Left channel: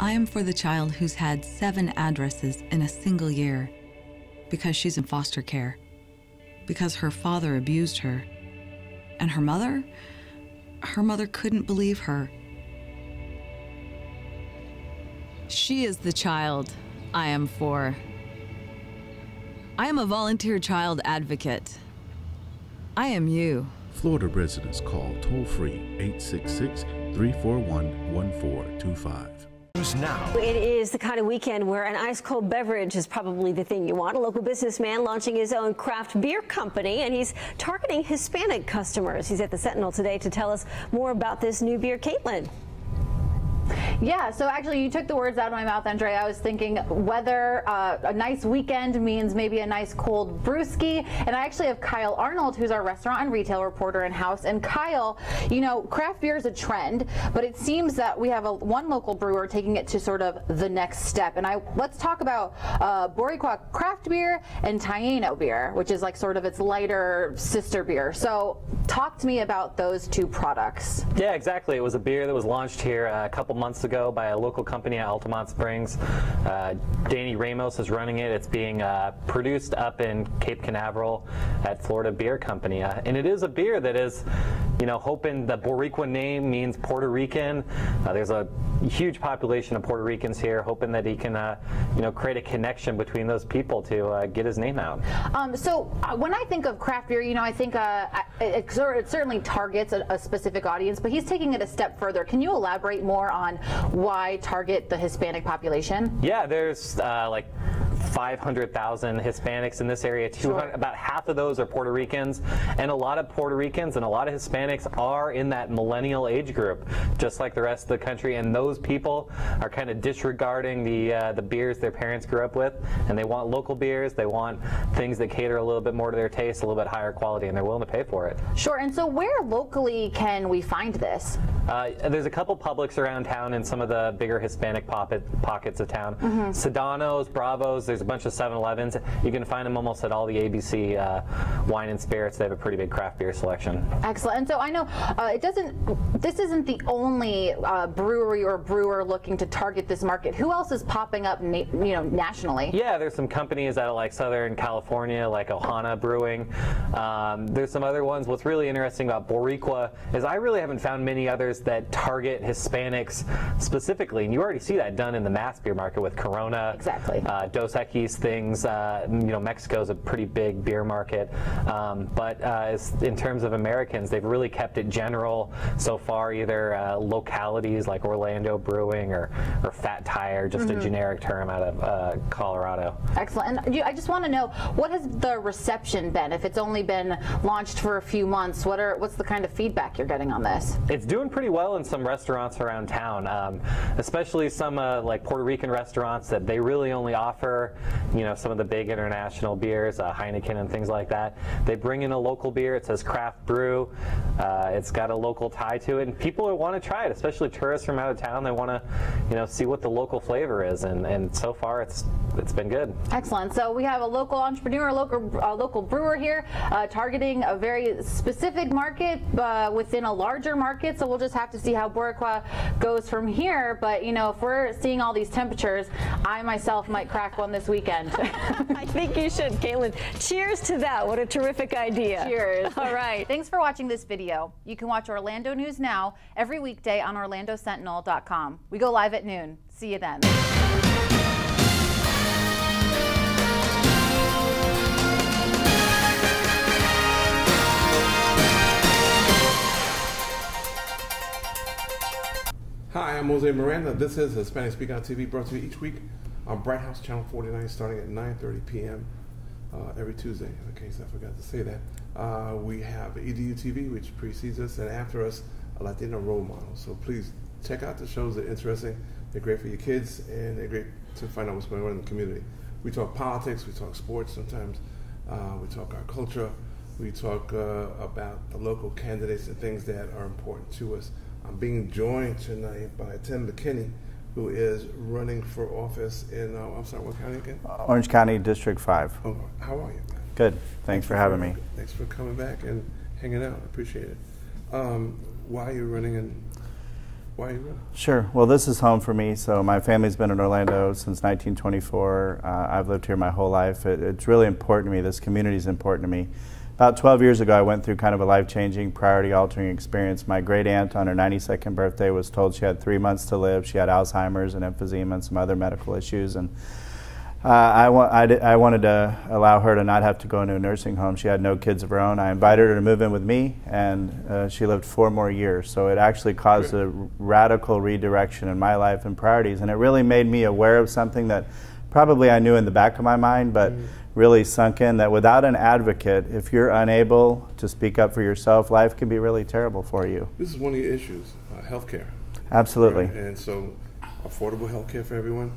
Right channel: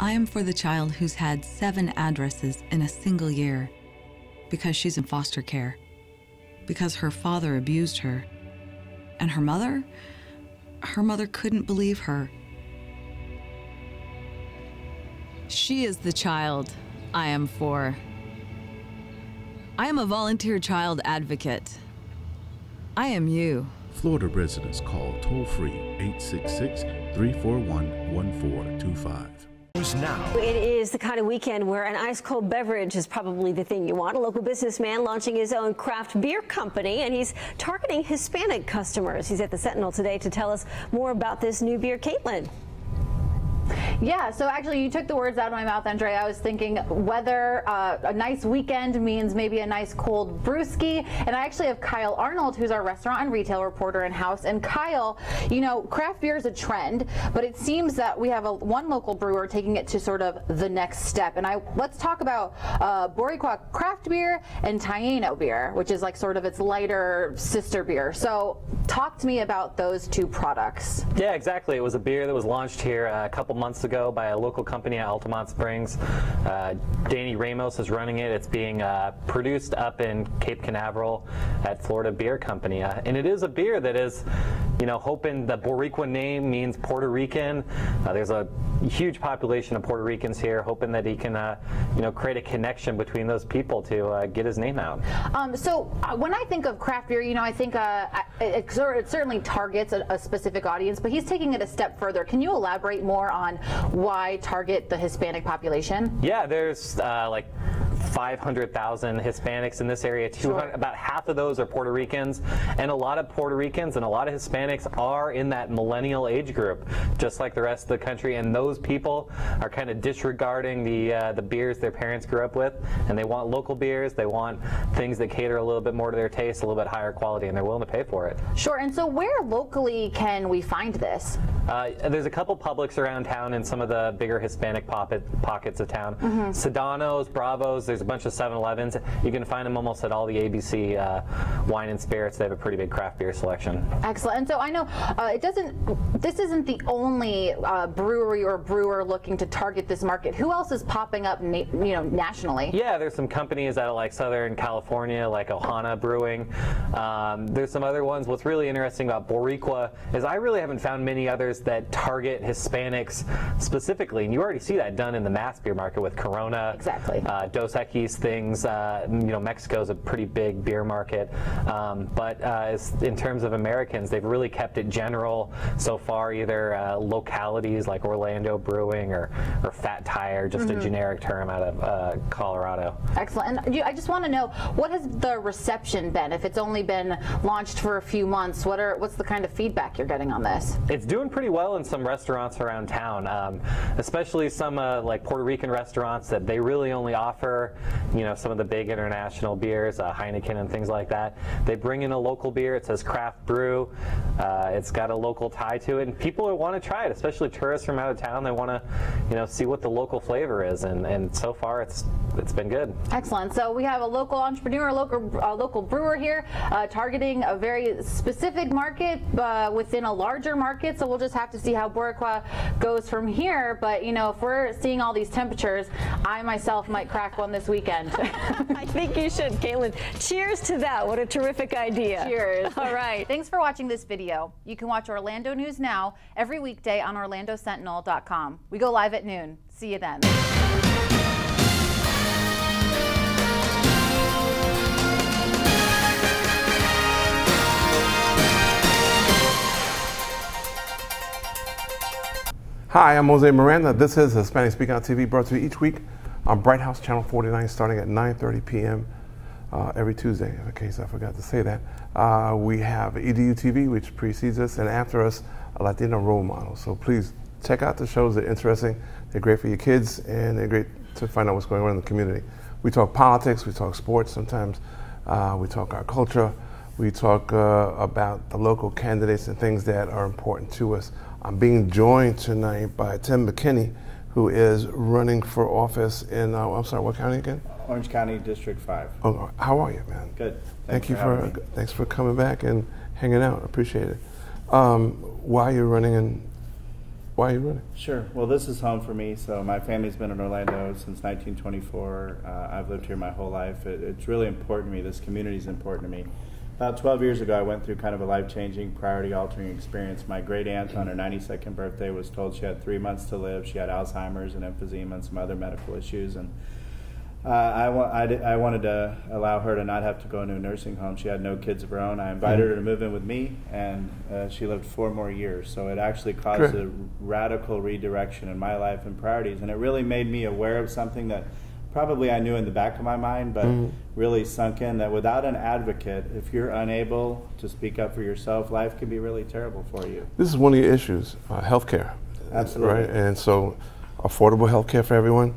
I am for the child who's had 7 addresses in a single year because she's in foster care, because her father abused her, and her mother couldn't believe her. She is the child I am for. I am a volunteer child advocate. I am you. Florida residents call toll-free 866-341-1425. Now. It is the kind of weekend where an ice-cold beverage is probably the thing you want. A local businessman launching his own craft beer company, and he's targeting Hispanic customers. He's at the Sentinel today to tell us more about this new beer. Caitlin. Yeah, so actually you took the words out of my mouth, Andre. I was thinking whether a nice weekend means maybe a nice cold brewski. And I actually have Kyle Arnold, who's our restaurant and retail reporter in-house. And Kyle, you know, craft beer is a trend, but it seems that we have one local brewer taking it to sort of the next step. And let's talk about Boricua craft beer and Taino beer, which is like sort of its lighter sister beer. So talk to me about those two products. Yeah, exactly. It was a beer that was launched here a couple months ago by a local company at Altamont Springs. Danny Ramos is running it. It's being produced up in Cape Canaveral at Florida Beer Company. And it is a beer that is, you know, hoping the Boricua name means Puerto Rican. There's a huge population of Puerto Ricans here, hoping that he can, you know, create a connection between those people to get his name out. So when I think of craft beer, you know, I think it certainly targets a specific audience, but he's taking it a step further. Can you elaborate more on why target the Hispanic population? Yeah, there's like 500,000 Hispanics in this area. About half of those are Puerto Ricans, and a lot of Puerto Ricans and a lot of Hispanics are in that millennial age group, just like the rest of the country. And those people are kind of disregarding the beers their parents grew up with, and they want local beers. They want things that cater a little bit more to their taste, a little bit higher quality, and they're willing to pay for it. Sure. And so, where locally can we find this? There's a couple Publix around town in some of the bigger Hispanic pockets of town. Sedano's, Bravo's. There's a bunch of 7-Elevens. You can find them almost at all the ABC wine and spirits. They have a pretty big craft beer selection. Excellent. And so I know this isn't the only brewery or brewer looking to target this market. Who else is popping up, nationally? Yeah, there's some companies out of like Southern California, like Ohana Brewing. There's some other ones. What's really interesting about Boricua is I really haven't found many others that target Hispanics specifically. And you already see that done in the mass beer market with Corona. Exactly. Dos Equis things. Mexico's a pretty big beer market. But in terms of Americans, they've really kept it general so far, either localities like Orlando Brewing or Fat Tire, just a generic term out of Colorado. Excellent. And I just want to know, what has the reception been? If it's only been launched for a few months, what's the kind of feedback you're getting on this? It's doing pretty well in some restaurants around town, especially some like Puerto Rican restaurants that they really only offer, some of the big international beers, Heineken and things like that. They bring in a local beer. It says craft brew. It's got a local tie to it, and people want to try it, especially tourists from out of town. They want to, see what the local flavor is, and so far it's been good. Excellent. So we have a local entrepreneur, local brewer here, targeting a very specific market within a larger market. So we'll just have to see how Boricua goes from here. But if we're seeing all these temperatures, I myself might crack one this weekend. I think you should, Caitlin. Cheers to that. What a terrific idea. Cheers. All right. Thanks for watching this video. You can watch Orlando News Now every weekday on OrlandoSentinel.com. We go live at noon. See you then. Hi, I'm Jose Miranda. This is Hispanic Speak on TV, brought to you each week on Bright House Channel 49, starting at 9:30 p.m. Every Tuesday, in case I forgot to say that. We have EDU TV, which precedes us, and after us, a Latino role model. So please check out the shows. They're interesting. They're great for your kids, and they're great to find out what's going on in the community. We talk politics. We talk sports sometimes. We talk our culture. We talk about the local candidates and things that are important to us. I'm being joined tonight by Tim McKinney, who is running for office in, I'm sorry, what county again? Orange County, District 5. Oh, how are you, man? Good. Thanks for having me. Thanks for coming back and hanging out. I appreciate it. Why are you running why are you running? Sure. Well, this is home for me. So my family's been in Orlando since 1924. I've lived here my whole life. It's really important to me. This community is important to me. About 12 years ago, I went through kind of a life-changing, priority-altering experience. My great-aunt on her 92nd birthday was told she had 3 months to live. She had Alzheimer's and emphysema and some other medical issues. And I wanted to allow her to not have to go into a nursing home. She had no kids of her own. I invited her to move in with me, and she lived 4 more years. So it actually caused a radical redirection in my life and priorities, and it really made me aware of something that probably I knew in the back of my mind, but really sunk in, that without an advocate, if you're unable to speak up for yourself, life can be really terrible for you. This is one of your issues, healthcare. Absolutely. Right? And so affordable healthcare for everyone.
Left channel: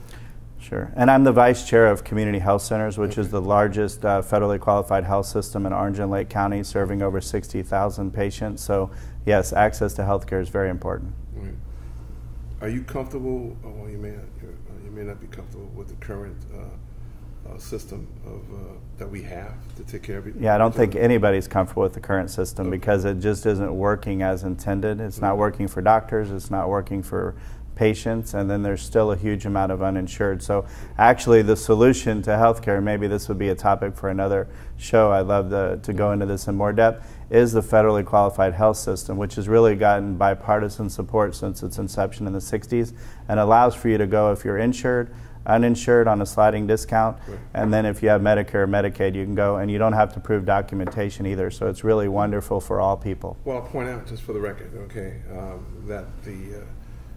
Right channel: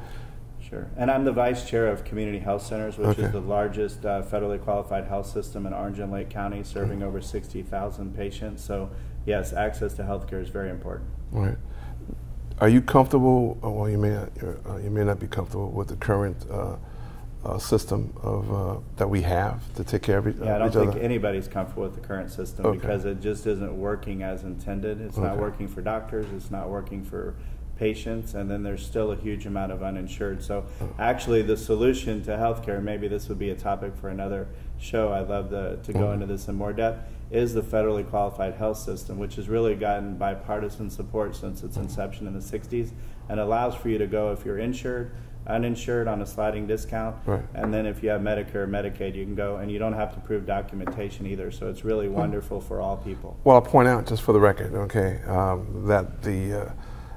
Sure. And I'm the vice chair of Community Health Centers, which is the largest federally qualified health system in Orange and Lake County, serving over 60,000 patients. So, yes, access to health care is very important. Right. Are you comfortable, well, you may not be comfortable with the current system of that we have to take care of it? Yeah, I don't think anybody's comfortable with the current system because it just isn't working as intended. It's not working for doctors, it's not working for patients, and then there's still a huge amount of uninsured. So actually the solution to healthcare, maybe this would be a topic for another show, I'd love to go into this in more depth, is the federally qualified health system, which has really gotten bipartisan support since its inception in the 60s, and allows for you to go if you're insured, uninsured on a sliding discount, and then if you have Medicare or Medicaid, you can go, and you don't have to prove documentation either. So it's really wonderful for all people. Well, I'll point out, just for the record, that the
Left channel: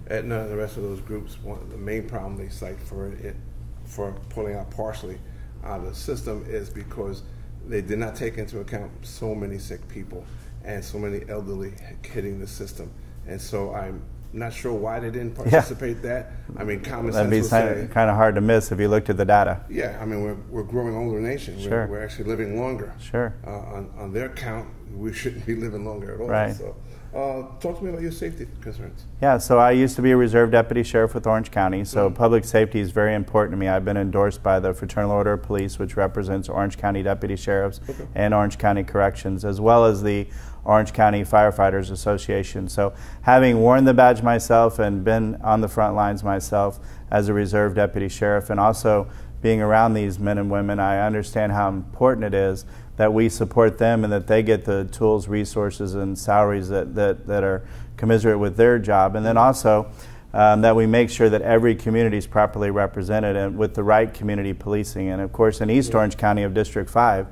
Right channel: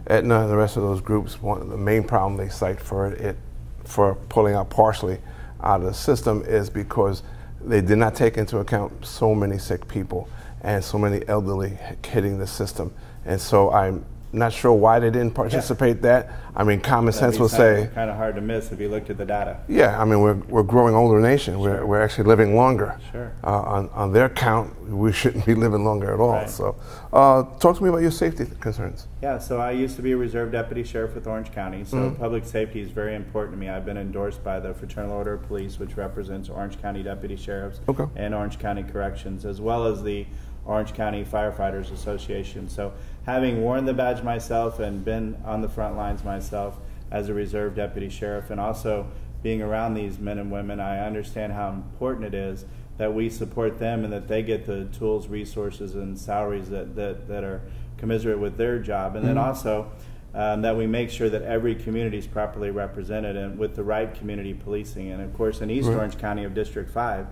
Aetna and the rest of those groups, the main problem they cite for pulling out partially out of the system is because they did not take into account so many sick people and so many elderly hitting the system. And so I'm not sure why they didn't participate that. I mean, common sense will say... kind of hard to miss if you looked at the data. Yeah, I mean, we're a growing older nation. We're actually living longer. Sure. On their count, we shouldn't be living longer at all. Right. So talk to me about your safety concerns. Yeah, so I used to be a reserve deputy sheriff with Orange County, so public safety is very important to me. I've been endorsed by the Fraternal Order of Police, which represents Orange County deputy sheriffs and Orange County Corrections, as well as the Orange County Firefighters Association. So having worn the badge myself and been on the front lines myself as a reserve deputy sheriff, and also being around these men and women, I understand how important it is that we support them and that they get the tools, resources, and salaries that are commensurate with their job. And then also that we make sure that every community is properly represented and with the right community policing. And of course in East Orange County of District 5,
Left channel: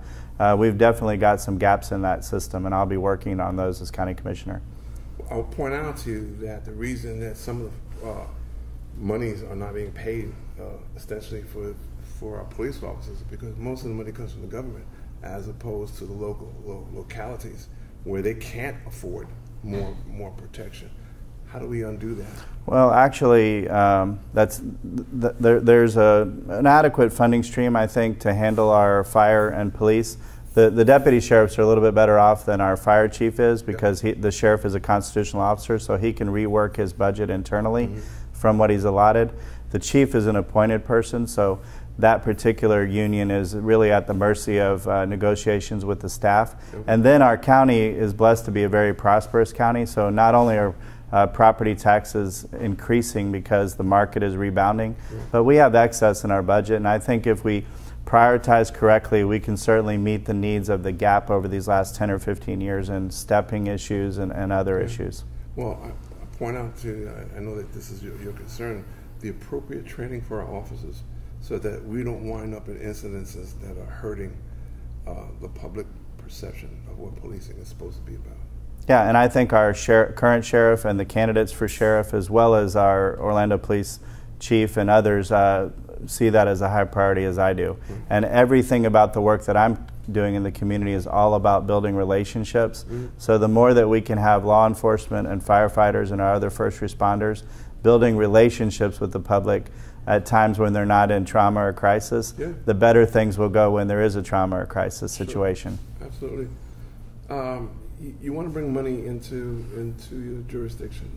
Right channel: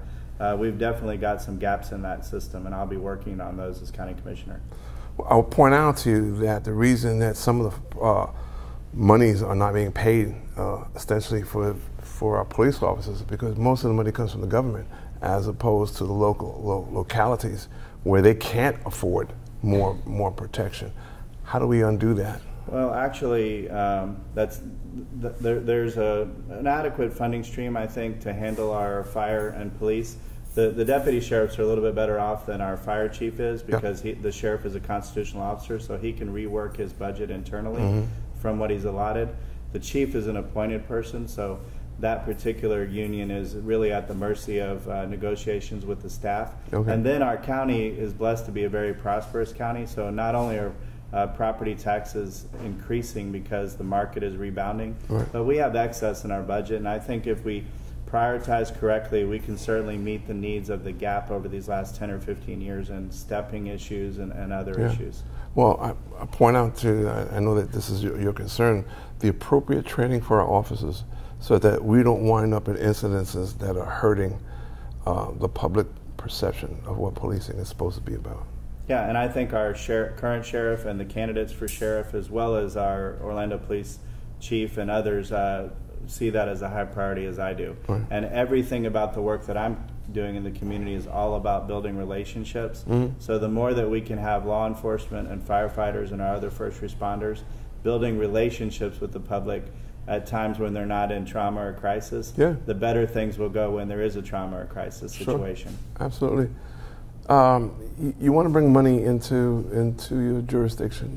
we've definitely got some gaps in that system, and I'll be working on those as county commissioner. Well, I'll point out to you that the reason that some of the monies are not being paid ostensibly for our police officers is because most of the money comes from the government as opposed to the localities where they can't afford more protection. How do we undo that? Well, actually, there's an adequate funding stream, I think, to handle our fire and police. The deputy sheriffs are a little bit better off than our fire chief is because the sheriff is a constitutional officer, so he can rework his budget internally from what he's allotted. The chief is an appointed person, so that particular union is really at the mercy of negotiations with the staff. And then our county is blessed to be a very prosperous county, so not only are property taxes increasing because the market is rebounding, but we have excess in our budget, and I think if we prioritize correctly, we can certainly meet the needs of the gap over these last 10 or 15 years in stepping issues and other issues. Well, I point out to, I know that this is your concern, the appropriate training for our officers so that we don't wind up in incidences that are hurting the public perception of what policing is supposed to be about. Yeah, and I think our current sheriff and the candidates for sheriff, as well as our Orlando Police Chief and others, see that as a high priority as I do. And everything about the work that I'm doing in the community is all about building relationships. So the more that we can have law enforcement and firefighters and our other first responders building relationships with the public at times when they're not in trauma or crisis, the better things will go when there is a trauma or crisis situation. Absolutely. You want to bring money into your jurisdiction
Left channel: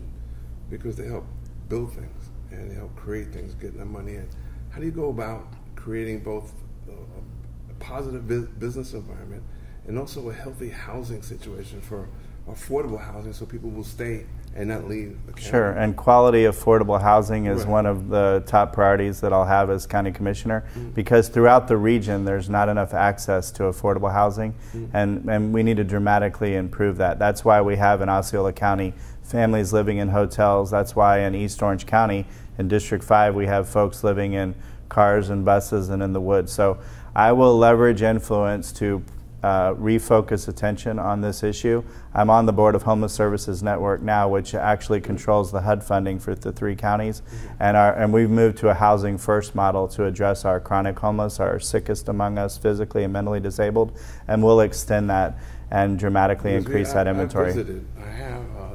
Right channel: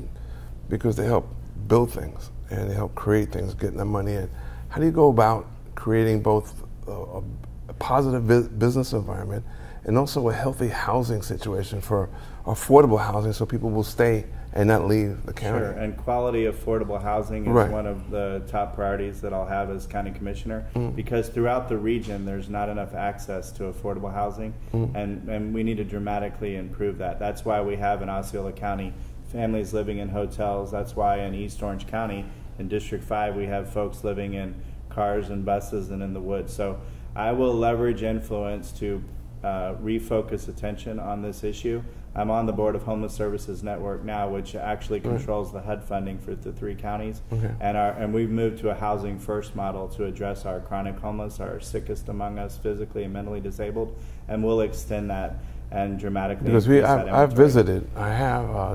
because they help build things and they help create things, getting that money in. How do you go about creating both a positive business environment and also a healthy housing situation for affordable housing so people will stay and not leave the county. Sure, and quality affordable housing is one of the top priorities that I'll have as county commissioner, because throughout the region there's not enough access to affordable housing, and we need to dramatically improve that. That's why we have in Osceola County families living in hotels. That's why in East Orange County in District 5 we have folks living in cars and buses and in the woods. So I will leverage influence to refocus attention on this issue. I'm on the board of Homeless Services Network now, which actually controls the HUD funding for the 3 counties, and we've moved to a housing first model to address our chronic homeless, our sickest among us, physically and mentally disabled, and we'll extend that and dramatically increase that inventory.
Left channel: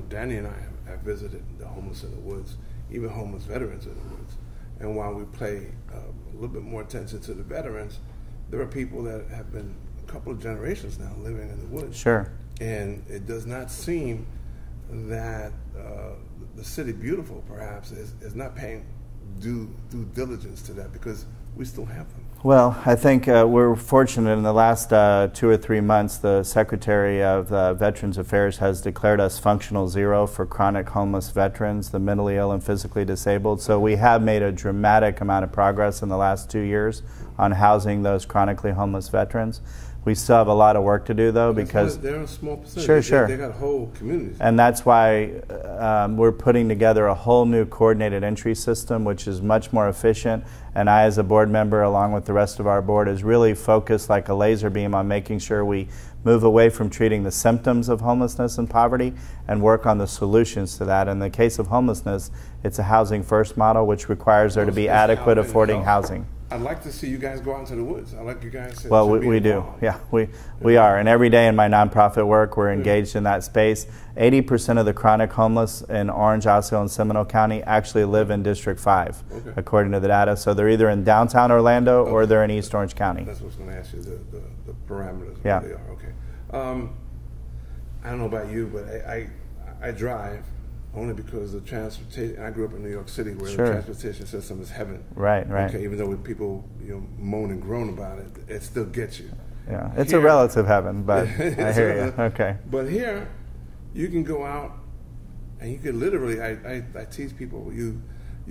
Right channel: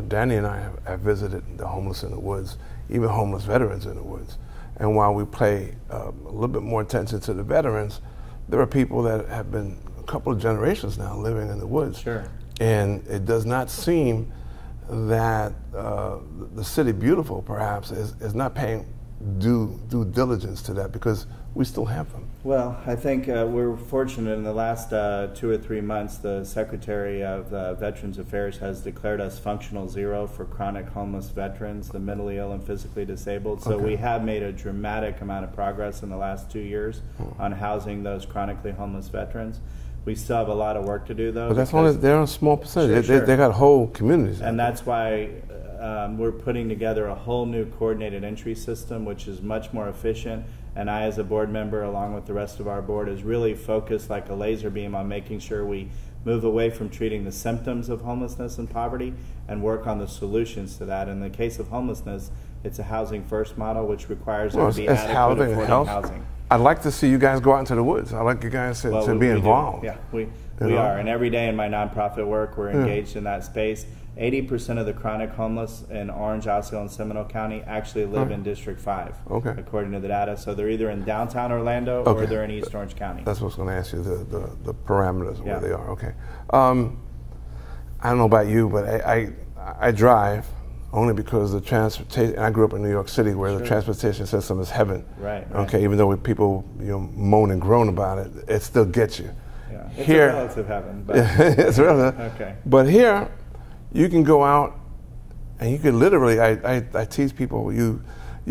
Danny and I have visited the homeless in the woods, even homeless veterans in the woods, and while we pay a little bit more attention to the veterans, there are people that have been a couple of generations now living in the woods. Sure. And it does not seem that the city beautiful, perhaps, is not paying due diligence to that, because we still have them. Well, I think we're fortunate in the last 2 or 3 months, the Secretary of Veterans Affairs has declared us functional zero for chronic homeless veterans, the mentally ill and physically disabled. So we have made a dramatic amount of progress in the last 2 years on housing those chronically homeless veterans. We still have a lot of work to do, though, because they're a small percentage. They got whole communities, and that's why we're putting together a whole new coordinated entry system, which is much more efficient. And I, as a board member, along with the rest of our board, is really focused like a laser beam on making sure we move away from treating the symptoms of homelessness and poverty and work on the solutions to that. In the case of homelessness, it's a housing first model, which requires there to be adequate affording housing. I'd like to see you guys go out into the woods. I'd like you guys to be involved. Yeah, we are. And every day in my nonprofit work, we're engaged in that space. 80% of the chronic homeless in Orange, Osceola, and Seminole County actually live in District 5, according to the data. So they're either in downtown Orlando or they're in East Orange County. That's what I was going to ask you, the parameters of where they are. Okay. I don't know about you, but I drive only because the transportation, and I grew up in New York City where the transportation system is heaven. Right. Okay, even though people moan and groan about it, it still gets you. Yeah, it's a relative heaven, but it's relative. Okay. But here, you can go out and you can literally, I teach people, you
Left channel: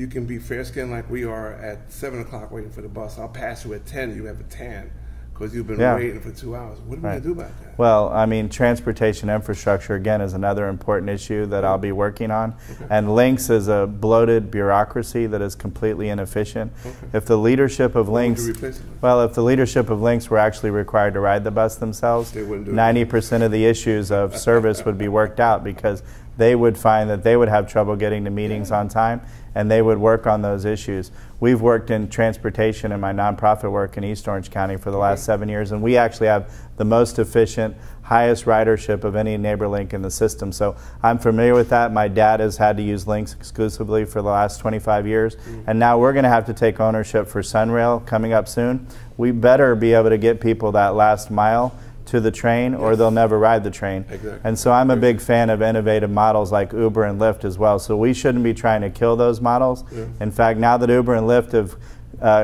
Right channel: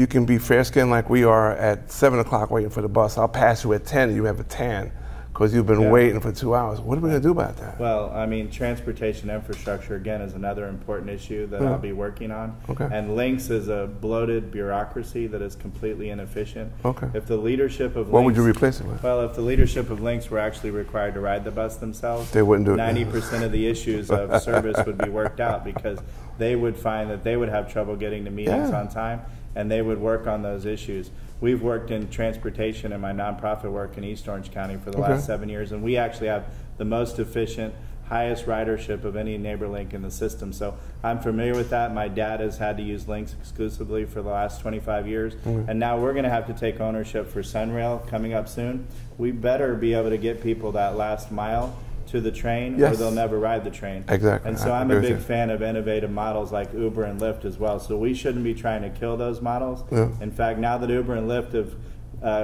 can be fair-skinned like we are at 7 o'clock waiting for the bus. I'll pass you at 10, you have a tan, because you've been waiting for 2 hours. What are we going to do about that? Well, I mean, transportation infrastructure, again, is another important issue that I'll be working on. And Lynx is a bloated bureaucracy that is completely inefficient. If the leadership of Lynx... What would you replace it with? Well, if the leadership of Lynx were actually required to ride the bus themselves, they wouldn't do 90% of the issues of service would be worked out, because they would find that they would have trouble getting to meetings on time, and they would work on those issues. We've worked in transportation in my nonprofit work in East Orange County for the last 7 years, and we actually have the most efficient, highest ridership of any neighbor link in the system. So I'm familiar with that. My dad has had to use Lynx exclusively for the last 25 years, and now we're going to have to take ownership for Sunrail coming up soon. We better be able to get people that last mile to the train, or they'll never ride the train. Exactly. And so I'm a big fan of innovative models like Uber and Lyft as well. So we shouldn't be trying to kill those models. In fact, now that Uber and Lyft have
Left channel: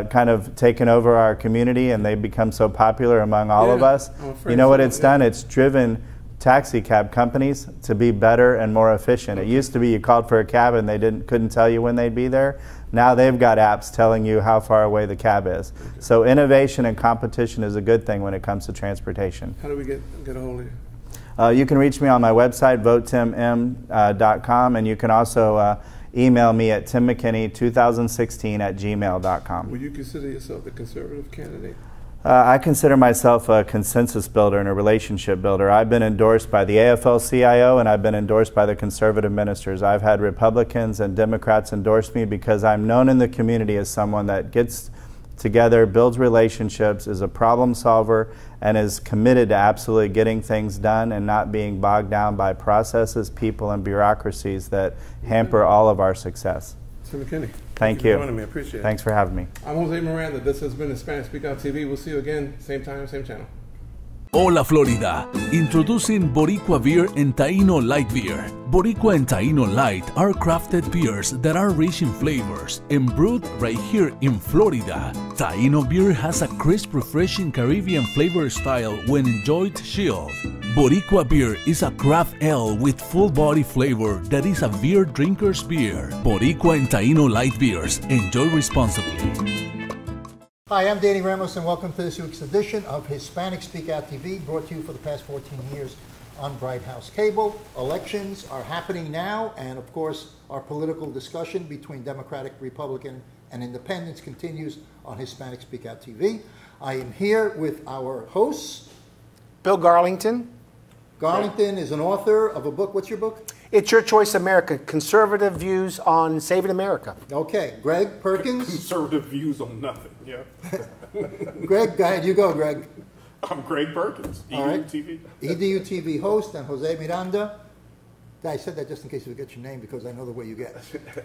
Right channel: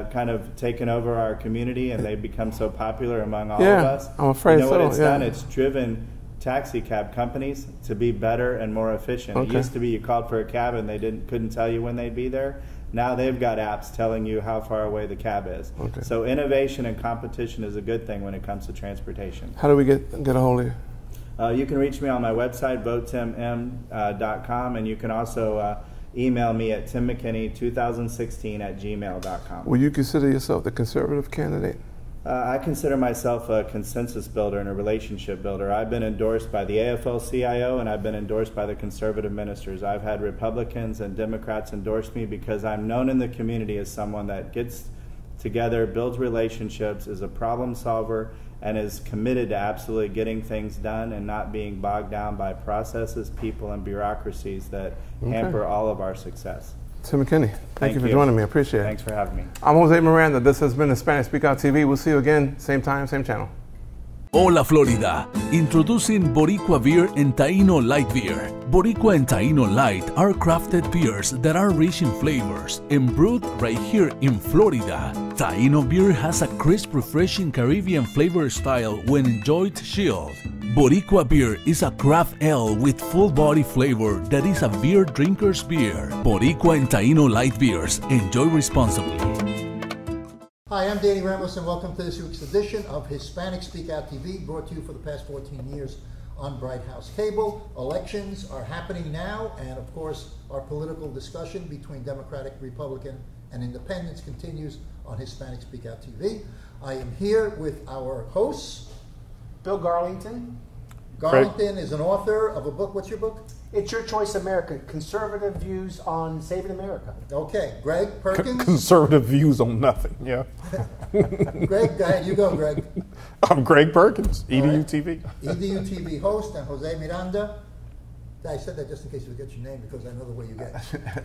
kind of taken over our community and they've become so popular among all of us, I'm afraid you know what it's done? It's driven taxi cab companies to be better and more efficient. It used to be you called for a cab and they couldn't tell you when they'd be there. Now they've got apps telling you how far away the cab is. So innovation and competition is a good thing when it comes to transportation. How do we get a hold of you? You can reach me on my website, votetimM.com, and you can also email me at timmckinney2016@gmail.com. Will you consider yourself the conservative candidate? I consider myself a consensus builder and a relationship builder. I've been endorsed by the AFL-CIO and I've been endorsed by the conservative ministers. I've had Republicans and Democrats endorse me because I'm known in the community as someone that gets together, builds relationships, is a problem solver, and is committed to absolutely getting things done and not being bogged down by processes, people, and bureaucracies that hamper all of our success. Tim McKinney, thank you for joining me. I appreciate it. Thanks for having me. I'm Jose Miranda. This has been Hispanic Speak Out TV. We'll see you again, same time, same channel. Hola Florida! Introducing Boricua Beer and Taino Light Beer. Boricua and Taino Light are crafted beers that are rich in flavors and brewed right here in Florida. Taino beer has a crisp, refreshing Caribbean flavor style when enjoyed chilled. Boricua beer is a craft ale with full body flavor that is a beer drinker's beer. Boricua and Taino Light Beers. Enjoy responsibly. Hi, I'm Danny Ramos, and welcome to this week's edition of Hispanic Speak Out TV, brought to you for the past 14 years on Bright House Cable. Elections are happening now, and of course, our political discussion between Democratic, Republican, and Independents continues on Hispanic Speak Out TV. I am here with our hosts. Bill Garlington. Garlington is an author of a book. What's your book? It's Your Choice America, Conservative Views on Saving America. Okay. Greg Perkins? Conservative views on nothing, yeah. Greg, go ahead. You go, Greg. I'm Greg Perkins, EDU TV. EDU TV host, and Jose Miranda. I said that just in case you forget your name because I know the way you get.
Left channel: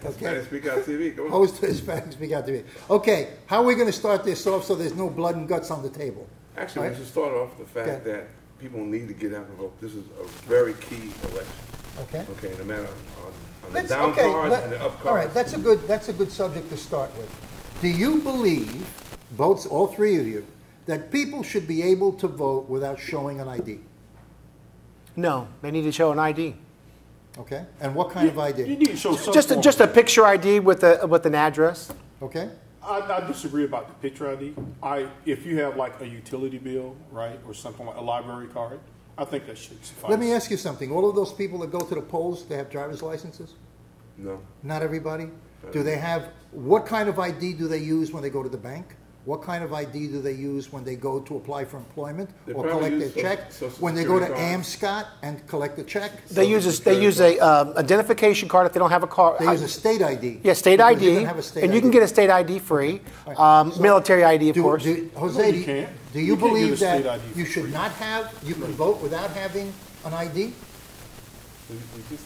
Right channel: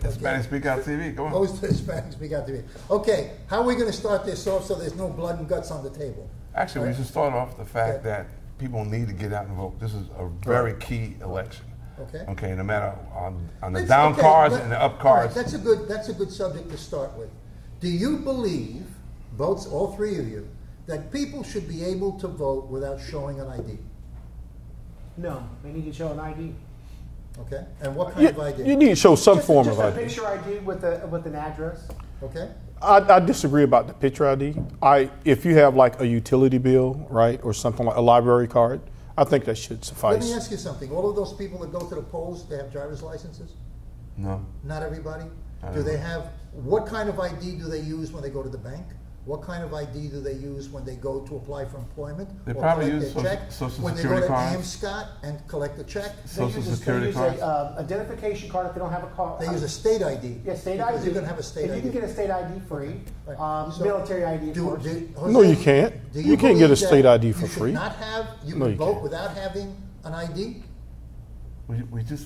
Hispanic Speak Out TV, go on. Host of Hispanic Speak Out TV. Okay, how are we going to start this off so there's no blood and guts on the table? Actually, we should start off with the fact that people need to get out and vote. This is a very key election. Okay. Okay, no matter on the down cards and the up cards. Right, that's a good subject to start with. Do you believe, votes all three of you, that people should be able to vote without showing an ID? No, they need to show an ID. Okay, and what kind of ID? You need to show some form just of a picture ID with an address. Okay. I disagree about the picture ID. If you have like a utility bill, right, or something like a library card, I think that should suffice. Let me ask you something. All of those people that go to the polls, they have driver's licenses? No. Not everybody? Do they have, what kind of ID do they use when they go to the bank? What kind of ID do they use when they go to apply for employment They or probably collect use a check? Social When they go to Security cards. AMSCOT and collect a check? They use a identification card if they don't have a card. They use a state ID. Yeah, state Because ID, you can have a state and you ID. can get a state ID free. Right. So Military ID, of course. No, you can't. Do You can't get a believe state that ID for free. You should not have, you can vote without having an ID? We just.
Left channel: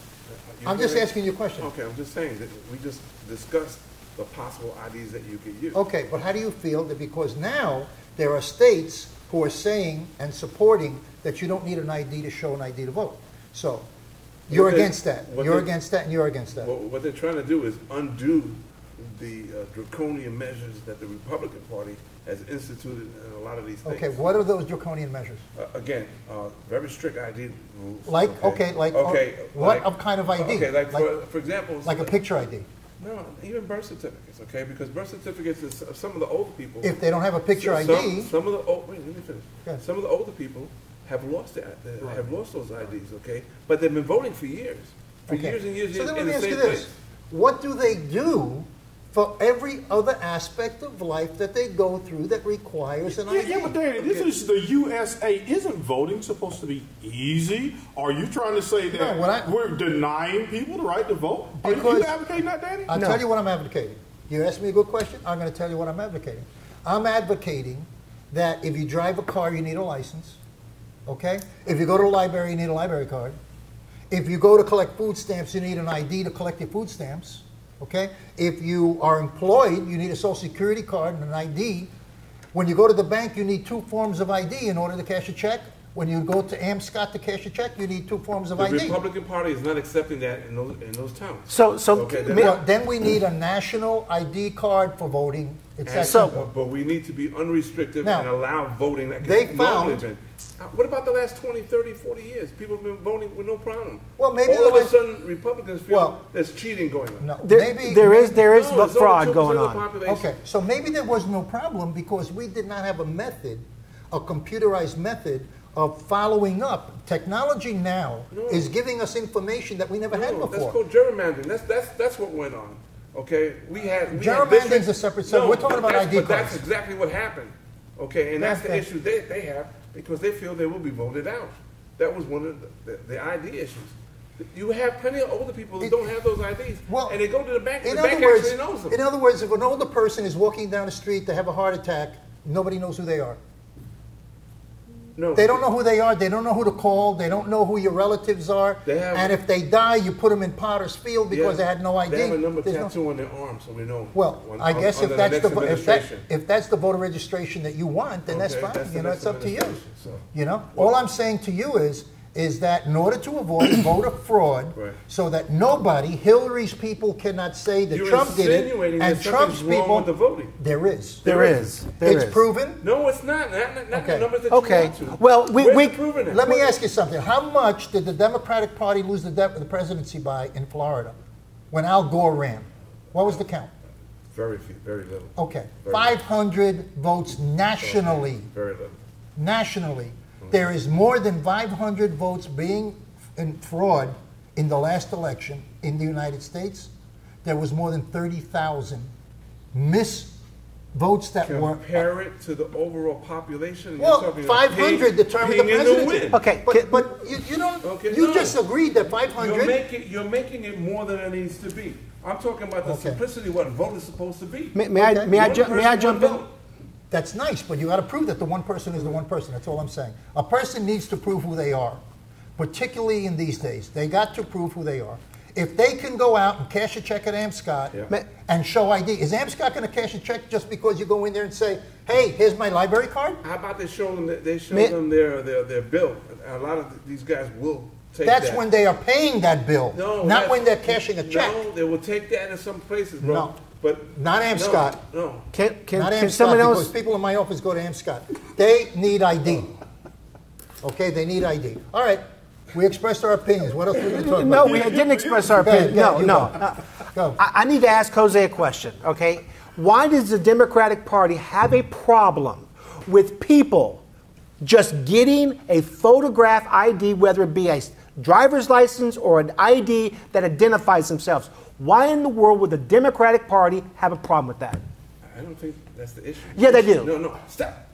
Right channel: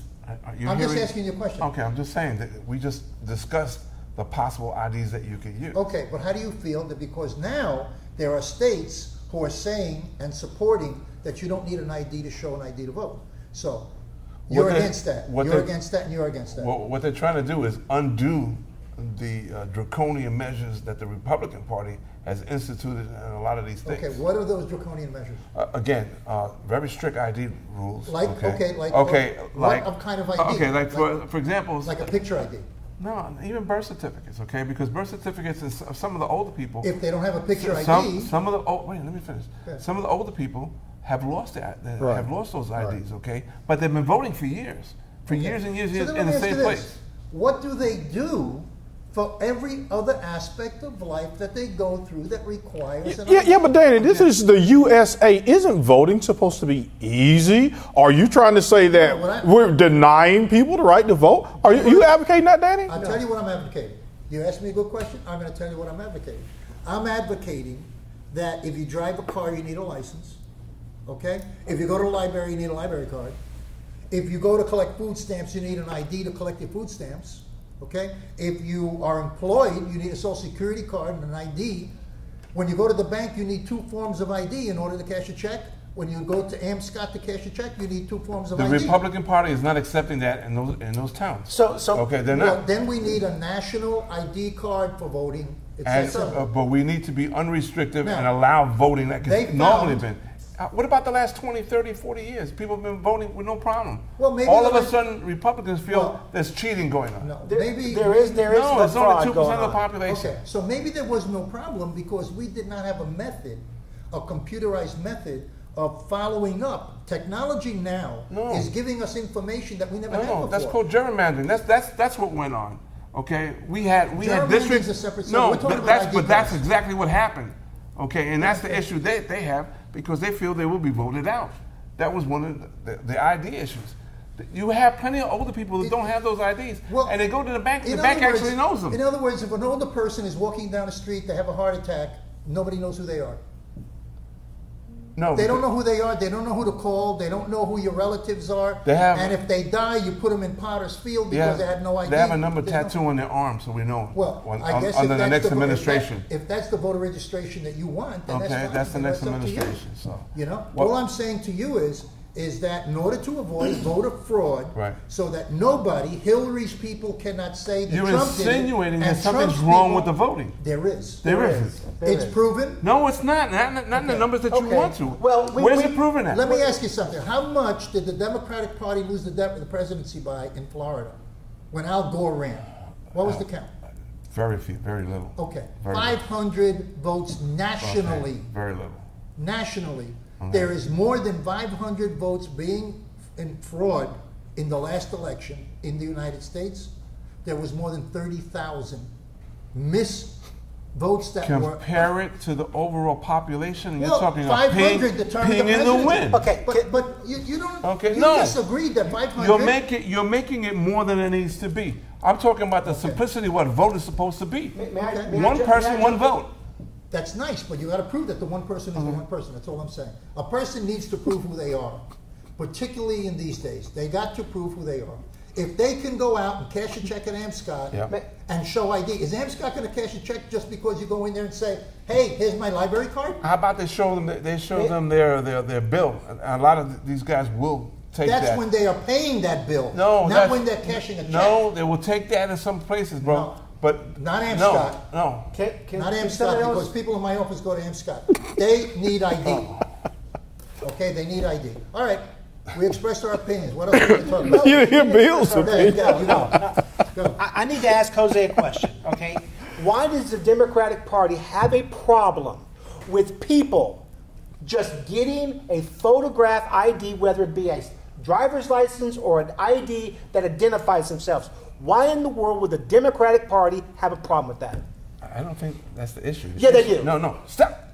you're I'm just hearing- asking you a question. Okay, I'm just saying that we just discussed the possible IDs that you could use. Okay, but how do you feel that because now there are states who are saying and supporting that you don't need an ID to show an ID to vote? So you're against that. You're against that and you're against that. What they're trying to do is undo the draconian measures that the Republican Party has instituted in a lot of these states. Okay, what are those draconian measures? Again, very strict ID rules. Like what kind of ID? Okay, like for example, like a picture ID. No, even birth certificates, okay? Because birth certificates is some of the older people. If they don't have a picture ID. Some of the wait, let me finish. Yeah. Some of the older people have lost have lost those IDs, okay? But they've been voting for years, years and years, So then in let me the ask same you this. place. What do they do for every other aspect of life that they go through that requires an ID? Yeah, but Danny, this is the USA. Isn't voting supposed to be easy? Are you trying to say that we're denying people the right to vote? Are you advocating that, Danny? I'll tell you what I'm advocating. You asked me a good question. I'm going to tell you what I'm advocating. I'm advocating that if you drive a car, you need a license. Okay? If you go to the library, you need a library card. If you go to collect food stamps, you need an ID to collect your food stamps. Okay? If you are employed, you need a Social Security card and an ID. When you go to the bank, you need 2 forms of ID in order to cash a check. When you go to AMSCOT to cash a check, you need 2 forms of ID. The Republican Party is not accepting that in those towns. Then we need a national ID card for voting. But we need to be unrestricted and allow voting like it's normally been. What about the last 20, 30, 40 years? People have been voting with no problem. Well, maybe all of a sudden, Republicans feel there's cheating going on. No, there is fraud going on. Population. Okay, so maybe there was no problem because we did not have a method, a computerized method of following up. Technology now is giving us information that we never had before. That's called gerrymandering. That's what went on. Okay, we had districts. A separate subject. We're talking about ID that's exactly what happened. Okay, and that's the issue they have because they feel they will be voted out. That was one of the ID issues. You have plenty of older people that don't have those IDs, and they go to the bank, and the bank actually knows them. In other words, if an older person is walking down the street, they have a heart attack, nobody knows who they are. No, They don't know who they are. They don't know who to call. They don't know who your relatives are. And if they die, you put them in Potter's Field because they had no idea. They have a number tattoo on their arm, so we know. Well, I guess under the next administration. If that's the voter registration that you want, then that's fine. That's the next administration. So. All I'm saying to you is that in order to avoid voter fraud, so that nobody, Hillary's people cannot say that Trump did it. You're insinuating that something's wrong with the voting. There is. There is. It's proven? No, it's not. Not in the numbers that you want to. Well, we've proven that. Let me ask you something. How much did the Democratic Party lose the presidency by in Florida when Al Gore ran? What was the count? Very few, very little. Okay. 500 votes nationally. Okay. Very little. Nationally. There is more than 500 votes being in fraud in the last election in the United States. There was more than 30,000 votes that were... Compare it to the overall population. And well, you're talking 500 determined the presidency. The win. Okay, but you don't. Okay, you just agreed that 500. You're making it more than it needs to be. I'm talking about the simplicity of what a vote is supposed to be. May I jump in? That's nice, but you got to prove that the one person is the one person. That's all I'm saying. A person needs to prove who they are, particularly in these days. They got to prove who they are. If they can go out and cash a check at Scott and show ID, is Scott going to cash a check just because you go in there and say, "Hey, here's my library card"? How about they show them their bill? A lot of these guys will take that. That's when they are paying that bill. No, not when they're cashing a check. No, they will take that in some places, bro. No. But not Scott. No. Can someone else? Because people in my office go to Scott. They need ID. Okay, they need ID. All right. We expressed our opinions. What else are we talking about? No, we didn't express our opinions. No. I need to ask Jose a question, okay? Why does the Democratic Party have a problem with people just getting a photograph ID, whether it be a driver's license or an ID that identifies themselves? Why in the world would the Democratic Party have a problem with that? I don't think that's the issue. Yeah, they do. No, stop.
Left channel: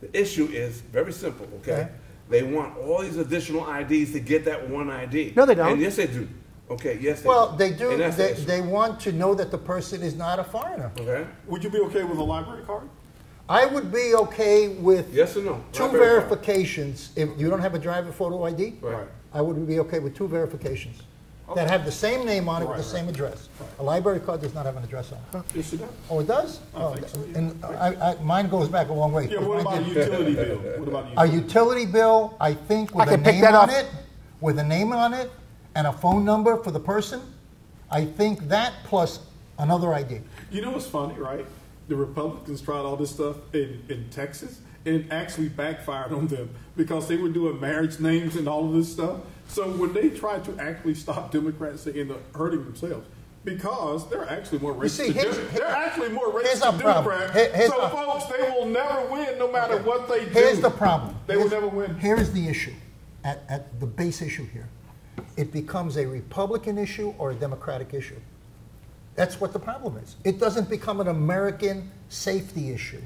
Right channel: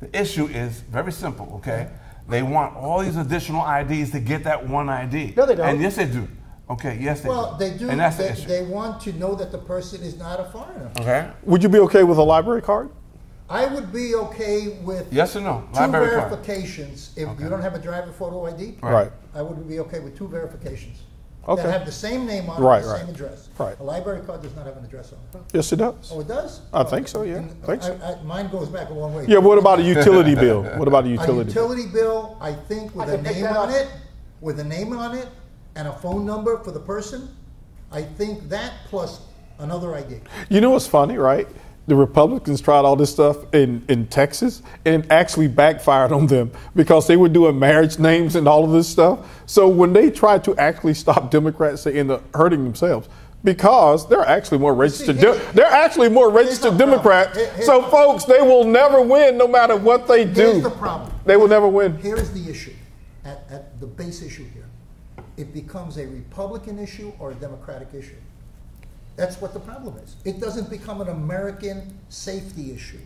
The issue is very simple, okay? They want all these additional IDs to get that one ID. No, they don't. And yes, they do. Okay, yes, they do. Well, they do. And that's they want to know that the person is not a foreigner. Okay. Would you be okay with a library card? I would be okay with yes or no. Two library verifications. If you don't have a driver photo ID, right. I would be okay with 2 verifications. Okay. That have the same name on it, the same address. Right. A library card does not have an address on it. Yes, it does. Oh, it does? I think so, yeah. Mine goes back a long way. Yeah, what about a utility bill? What about a utility bill? A utility bill, I think, with a name on it, with a name on it, and a phone number for the person, I think that plus another ID. You know what's funny, right? The Republicans tried all this stuff in Texas and actually backfired on them because they were doing marriage names and all of this stuff. So when they tried to actually stop Democrats, they end up hurting themselves because they're actually more registered. They're actually more registered Democrats. So folks, they will never win no matter what they do. Here's the problem. They will never win. Here's the issue, at the base issue here. It becomes a Republican issue or a Democratic issue. That's what the problem is. It doesn't become an American safety issue.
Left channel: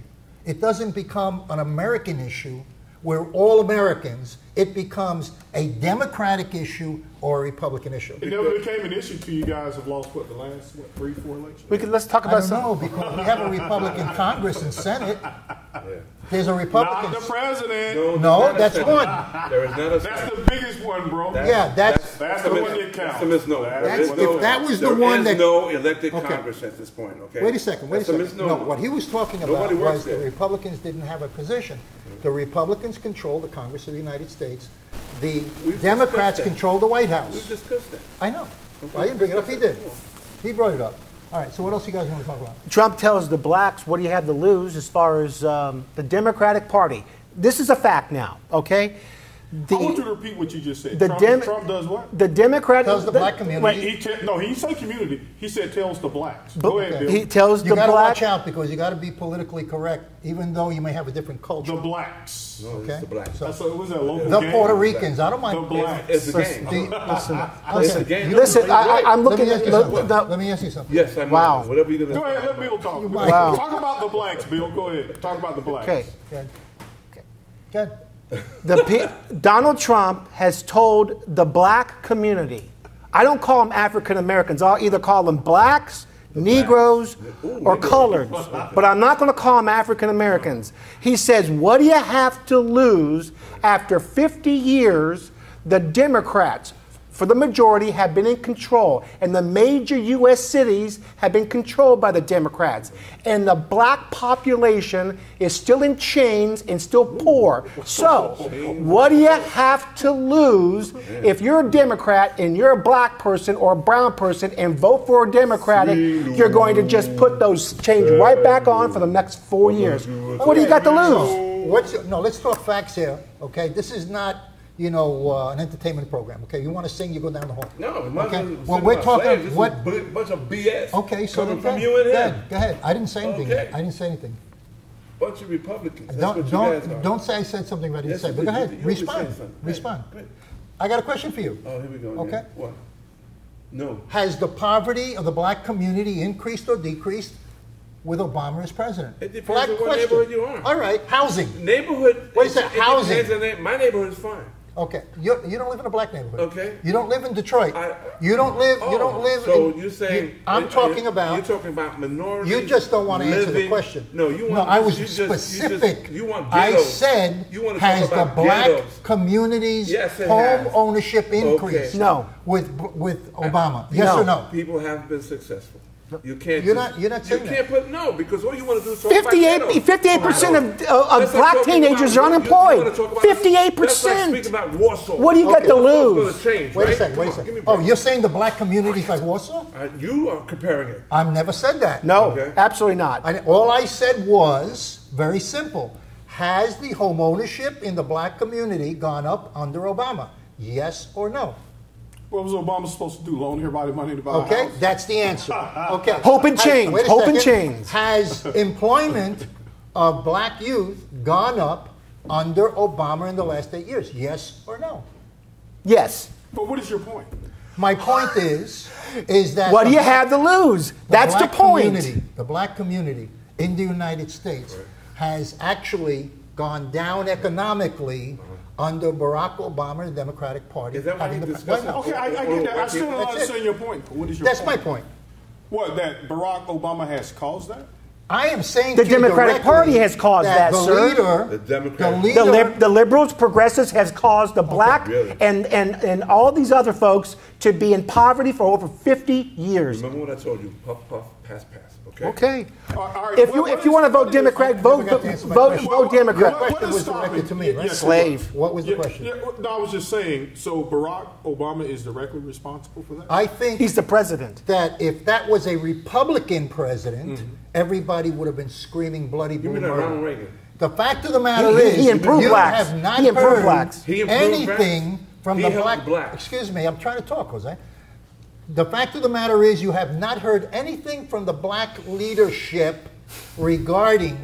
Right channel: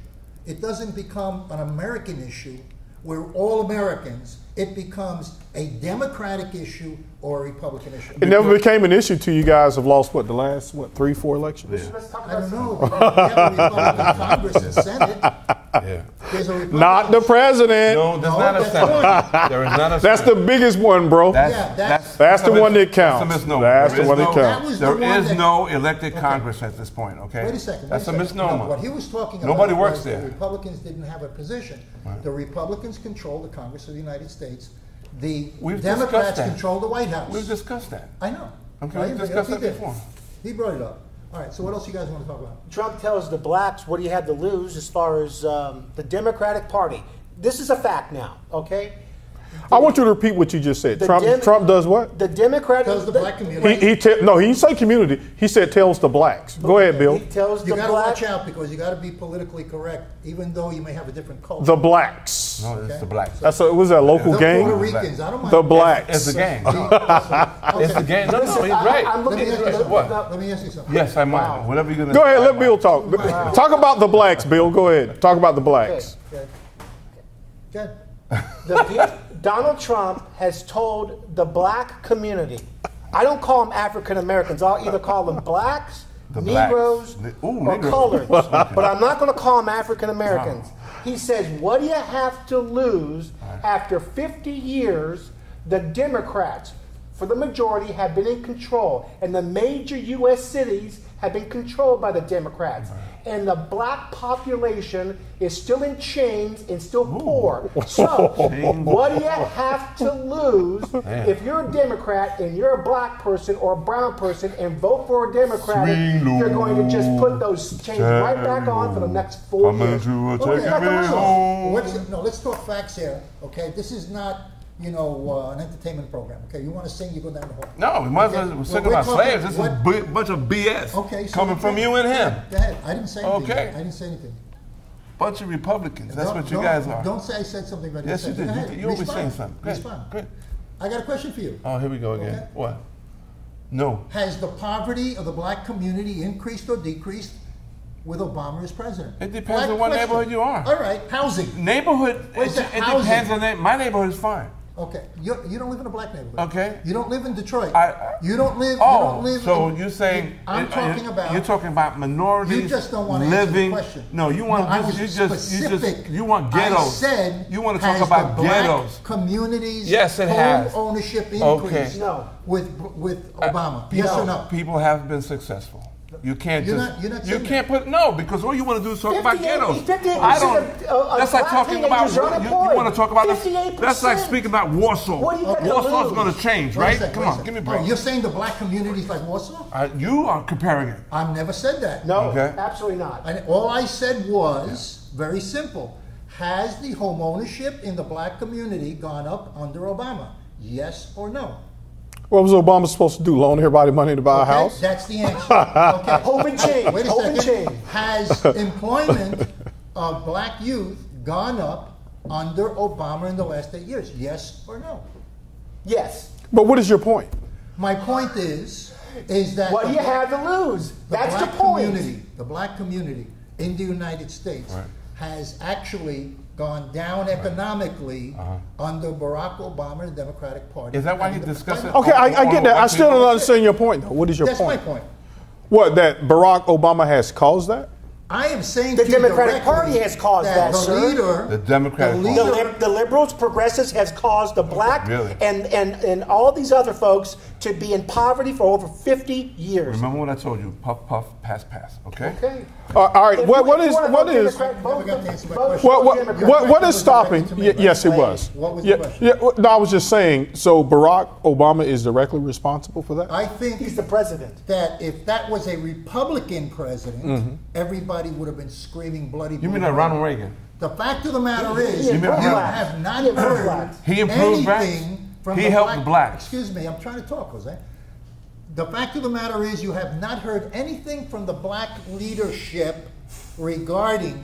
It doesn't become an American issue where all Americans. It becomes a Democratic issue or a Republican issue. It never became an issue till you guys have lost, the last, 3, 4 elections? Because let's talk about something. We have a Republican Congress and Senate. Yeah. There's a Republican. Not the president. No, that's one. There is not a That's the biggest one, bro. That's the one that counts. That's a misnomer. That's the one that counts. There is no elected Congress at this point, okay? Wait a second. That's a misnomer. No, what he was talking about Nobody was works there. The Republicans didn't have a position. The Republicans control the Congress of the United States. The Democrats control the White House. We've discussed that. I know. Okay, we discussed that before. He brought it up. All right, so what else you guys want to talk about? Trump tells the blacks, what do you have to lose as far as the Democratic Party? This is a fact now, okay? I want you to repeat what you just said. Trump does what? The Democrat tells the black community. He didn't say community. He said tells the blacks. Go ahead, Bill. He tells the blacks. You got to watch out because you got to be politically correct, even though you may have a different culture. The blacks. No, it's the blacks. Was that a local game? The Puerto Ricans. I don't mind. The blacks. It's the game. It's the game. Listen, right. I'm looking at Let me ask you something. Yes, I'm on. Whatever you're going to Go ahead, let Bill talk. Wow. Talk about the blacks, Bill. Go ahead. Talk about the blacks. Okay. Donald Trump has told the black community, I don't call them African Americans, I'll either call them blacks, Negroes, or coloreds, but I'm not going to call them African Americans. He says, what do you have to lose after 50 years? The Democrats, for the majority, have been in control, and the major U.S. cities have been controlled by the Democrats. And the black population is still in chains and still poor. So, what do you have to lose if you're a Democrat and you're a black person or a brown person and vote for a Democrat? You're going to just put those chains right back on for the next 4 years. What do you got to lose? No, let's talk facts here, okay? This is not, you know, an entertainment program. Okay, you want to sing, you go down the hall. No, we might as well sing about slaves. This is a bunch of BS coming from you and him. Go ahead. I didn't say anything. Okay. I didn't say anything. Bunch of Republicans. That's what you guys are. Don't say I said something that I didn't say. Yes, you did. Go ahead. You always say something. Respond. Good. I got a question for you. Oh, here we go again. Okay. What? No. Has the poverty of the black community increased or decreased with Obama as president? It depends on what neighborhood you are. All right. Housing. Neighborhood. Where's the housing? Depends on my neighborhood is fine. Okay, you don't live in a black neighborhood. Okay. You don't live in Detroit. You don't live. So you're saying I'm talking about. You're talking about minorities. You just don't want to answer the question. No, you want. No, I was specific. You want ghettos. I said. You want to talk about ghettos. Black communities. Yes, it has. Home ownership increase. Okay. No. With Obama. Yes or no? People have been successful. You can't. You're not you can't put no because all you want to do is talk about ghettos. 58% of black teenagers are unemployed. You want to talk about 58%. That's like speaking about Warsaw. What do you got to lose? Warsaw's going to change, right? Come on, give me a break. Oh, you're saying the black community is like Warsaw? You are comparing it. I've never said that. No, absolutely not. All I said was very simple. Has the home ownership in the black community gone up under Obama? Yes or no? What was Obama supposed to do? Loan everybody money to buy a house? That's the answer. Okay. Hope and change. Wait a Hope second. and change. Has employment of black youth gone up under Obama in the last 8 years? Yes or no? Yes. But what is your point? My point is that what do you have to lose? That's the point. The black community in the United States has actually gone down economically under Barack Obama and the Democratic Party. Is that why he discussed it? Okay, I get that. I still don't understand your point, though. What is your point? That's my point. What, that Barack Obama has caused that? I am saying the Democratic Party has caused that, sir. The Democratic Party. The liberals, progressives has caused the black and all these other folks to be in poverty for over 50 years. Remember what I told you? Puff, puff, pass, pass. Okay? Okay. All right. If you want to vote Democrat, vote Democrat. What is stopping? Yes, it was. What was the question? No, I was just saying, so Barack Obama is directly responsible for that? I think he's the president. That if that was a Republican president, everybody would have been screaming bloody. You mean like Ronald Reagan? The fact of the matter is, he improved blacks. He improved blacks. He improved blacks. From he the helped blacks. Excuse me, I'm trying to talk, Jose. The fact of the matter is, you have not heard anything from the black leadership regarding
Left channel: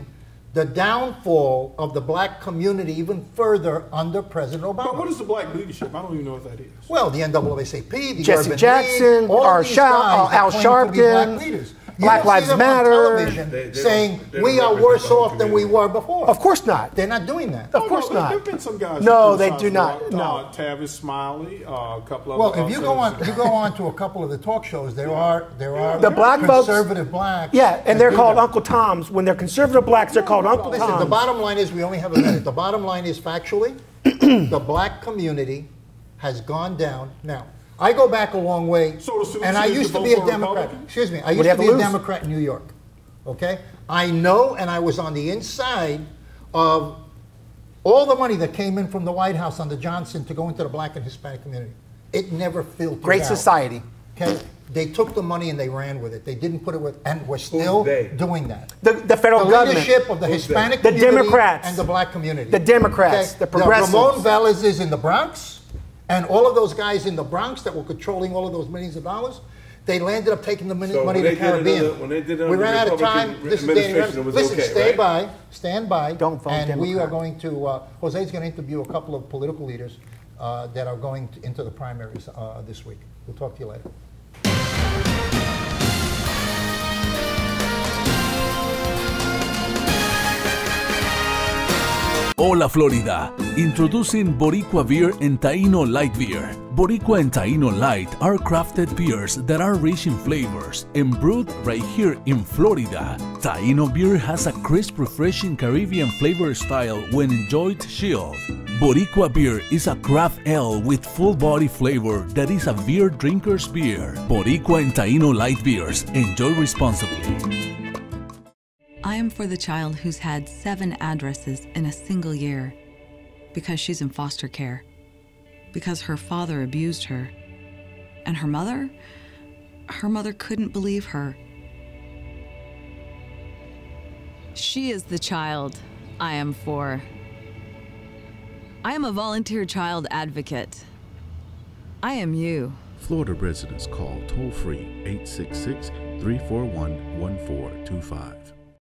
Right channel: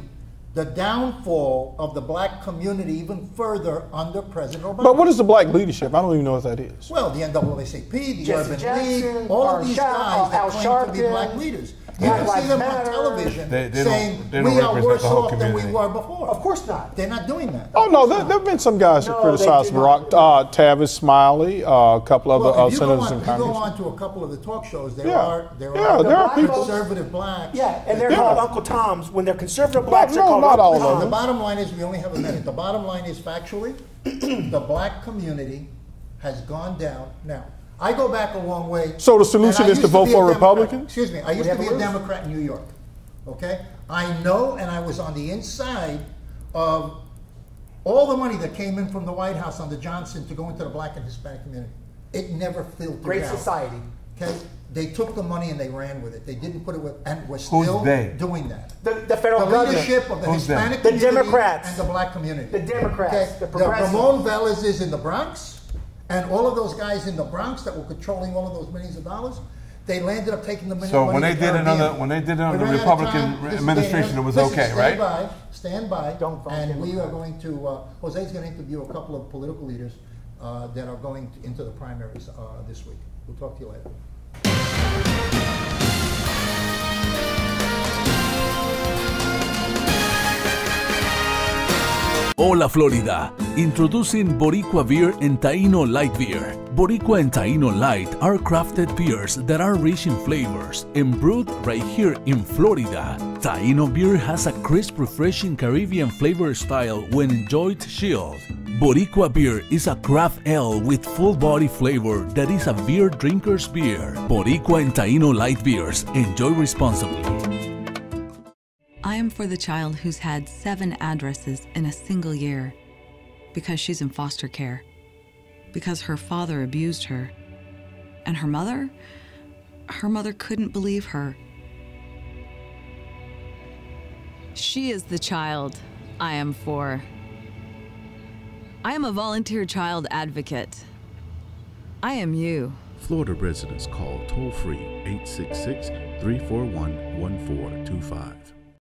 the downfall of the black community even further under President Obama. But what is the black leadership? I don't even know what that is. Well, the NAACP, the Jesse Urban Jackson, League, all these guys Al claim to be black Sharpton, leaders. Black Lives Matter, saying we are worse off than we were before. Of course not. They're not doing that. Oh, no, there have been some guys who criticize Barack. Tavis Smiley, a couple of if you go on to a couple of the talk shows, there are the black conservative blacks. Yeah, and they're called Uncle Toms. When they're conservative blacks, they're called Uncle Toms. The bottom line is, we only have a minute. The bottom line is, factually, the black community has gone down. Now, I go back a long way. So the solution is to vote for a Republican? Excuse me. I used to be a Democrat in New York. Okay? I know, and I was on the inside of all the money that came in from the White House under Johnson to go into the black and Hispanic community. It never filtered out. Great society. Okay? They took the money and they ran with it. They didn't put it with, and we're still doing that. The federal government. The leadership of the Hispanic community. The Democrats. And the black community. The Democrats. Okay? The progressives. Ramon Velez is in the Bronx. And all of those guys in the Bronx that were controlling all of those millions of dollars, they landed up taking the money. So when they did another Republican administration, it was okay, right? Stand by. Don't vote and Democrat. We are going to. Jose's going to interview a couple of political leaders that are going into the primaries this week. We'll talk to you later. Hola Florida, introducing Boricua Beer and Taino Light Beer. Boricua and Taino Light are crafted beers that are rich in flavors and brewed right here in Florida. Taino beer has a crisp, refreshing Caribbean flavor style when enjoyed chilled. Boricua beer is a craft ale with full body flavor that is a beer drinker's beer. Boricua and Taino Light beers. Enjoy responsibly. I am for the child who's had 7 addresses in a single year because she's in foster care, because her father abused her, and her mother couldn't believe her. She is the child I am for. I am a volunteer child advocate. I am you. Florida residents call toll-free 866-341-1425.